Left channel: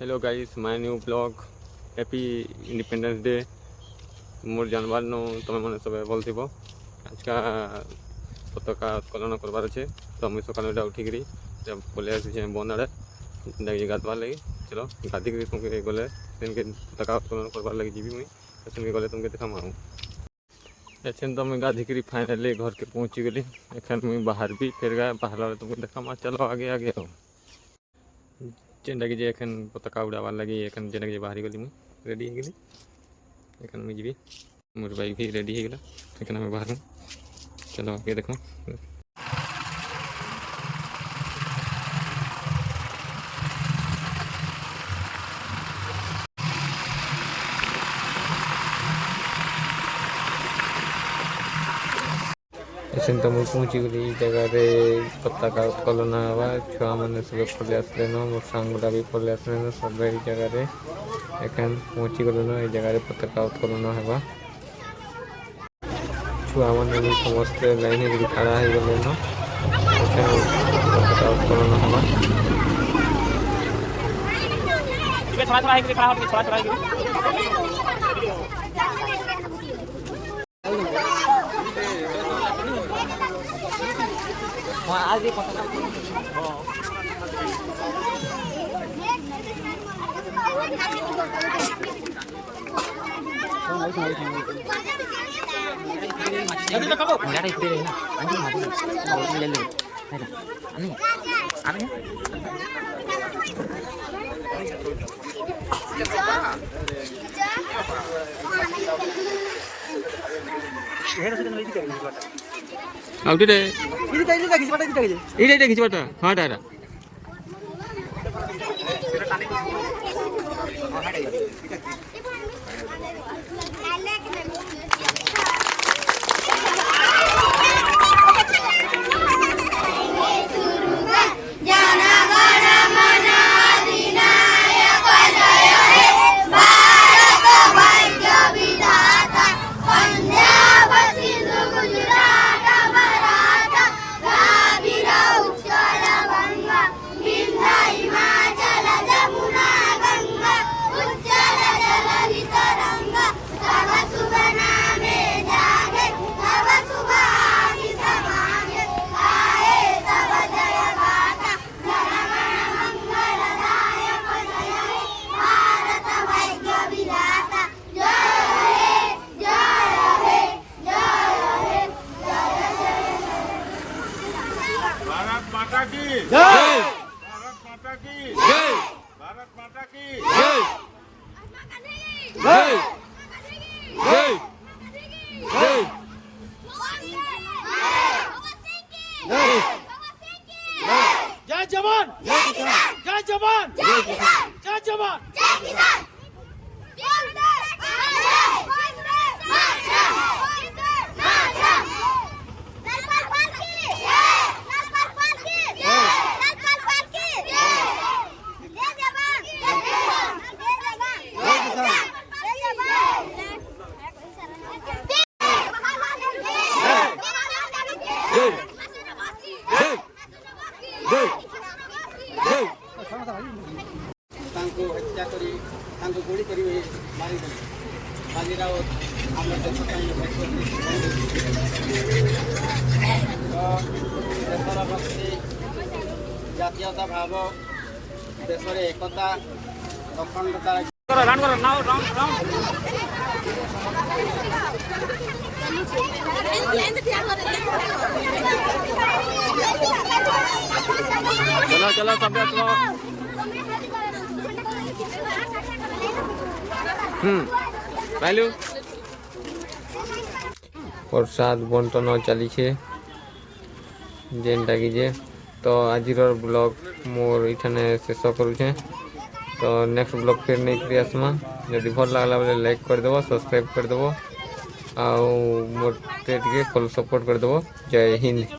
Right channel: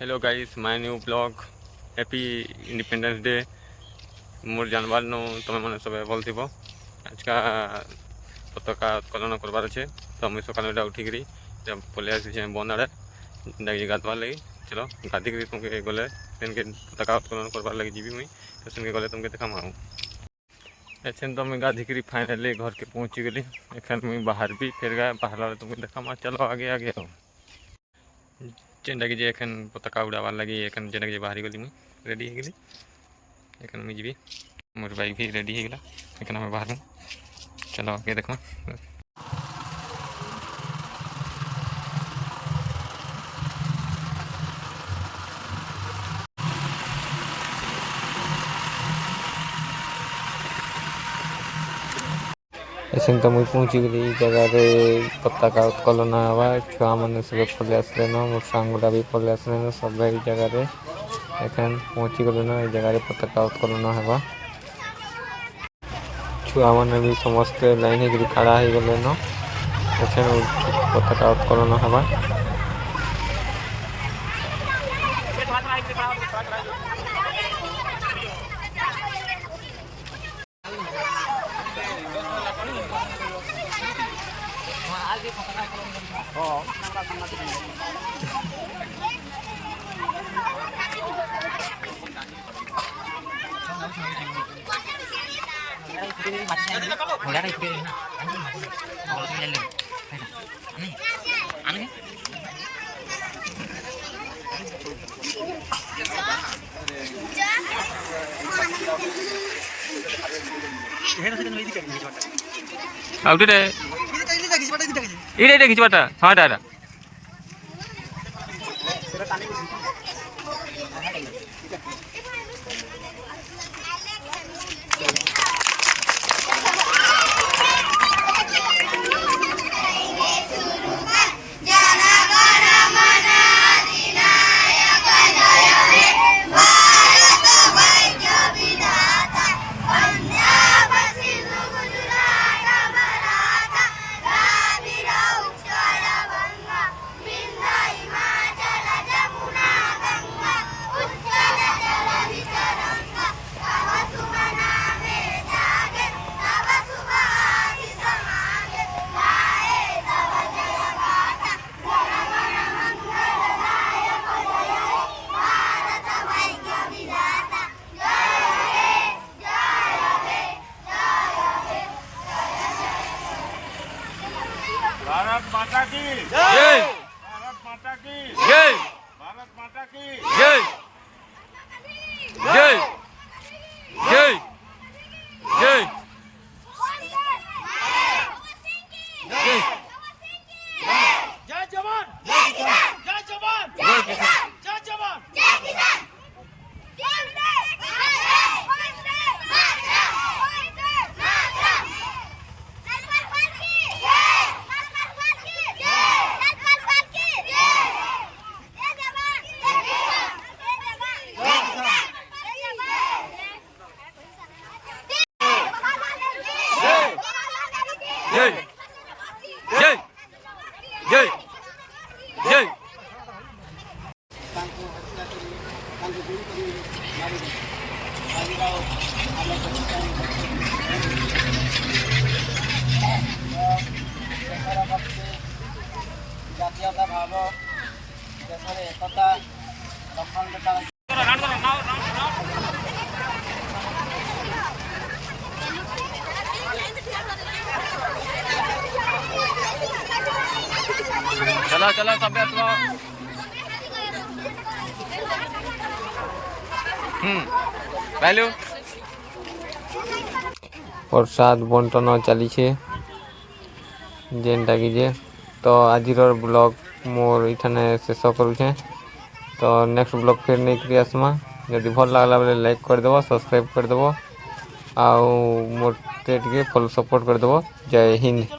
Hello guys, my new blog. Happy independence day. मोर जानवर नो तुम मैंने सब भल थी। आज का पताका उत्तोलन करवार अच्छे तो मुझे सकाल उठिकी जब पलि आसी बन आड़े डाक गाधवार लगी। चलो गाधिक तुमके गले से पताका उत्तोलन करवार लगी जी मुई तो से गले तुमके देखा आऊँ। एछन तो मुझे गाधिक फाइनाली घर के पहुँची गली। एखन मुझे बाहर भी फिर गए बाहर तुमको देखा। चलो आगे आगे आओ। जेनटा कि एखन पताका उड़ाबार लगी एखन जेनटा कि बाहरी गली मुई रेडी हो गली। एखन मुझे जी मोर बाइक भी रेडी हो गला। एखन हमें बाहर चलो आगे देखो। एसन तो मुझे पहुँची गली जगह पताका उत्तोलन हवा। छुआ मैंने सब पलि आसले मोर सांगुड़ा भी पलि आसले सब जगह एखन पहुँची गलु न जगह पताका उत्तोलन हवा। छुआ मैंने भी समस्ते लाइन हो खड़ा हो गले न एखन पताका उत्तोलन हवा। खिचवाटा हाँ दादा भारत माता की जय। भारत माता की जय भारत माता की जय जय जय जय जय जवान जय किसान जय जवान जय किसान जय जवान जय किसान जय जय जय जय तांको हत्या करी तांको गुली करी मारी दे बालीराव आम देशर भक्ति जातीयता भाव देशर एकता अखंडता चलो चलो सब आसो। पहलू प्रसाद बंटन चली जेनटा कि तो आज ब्लॉग मोर इठाने शेष करुचे। तो नेक्स्ट ब्लॉग फिर नहीं आसमा। जदि भल लगला बेले लाइक करदेव सब्सक्राइब करदेव आउ मोटे फॉलो सपोर्ट करदेव। जय हिंद।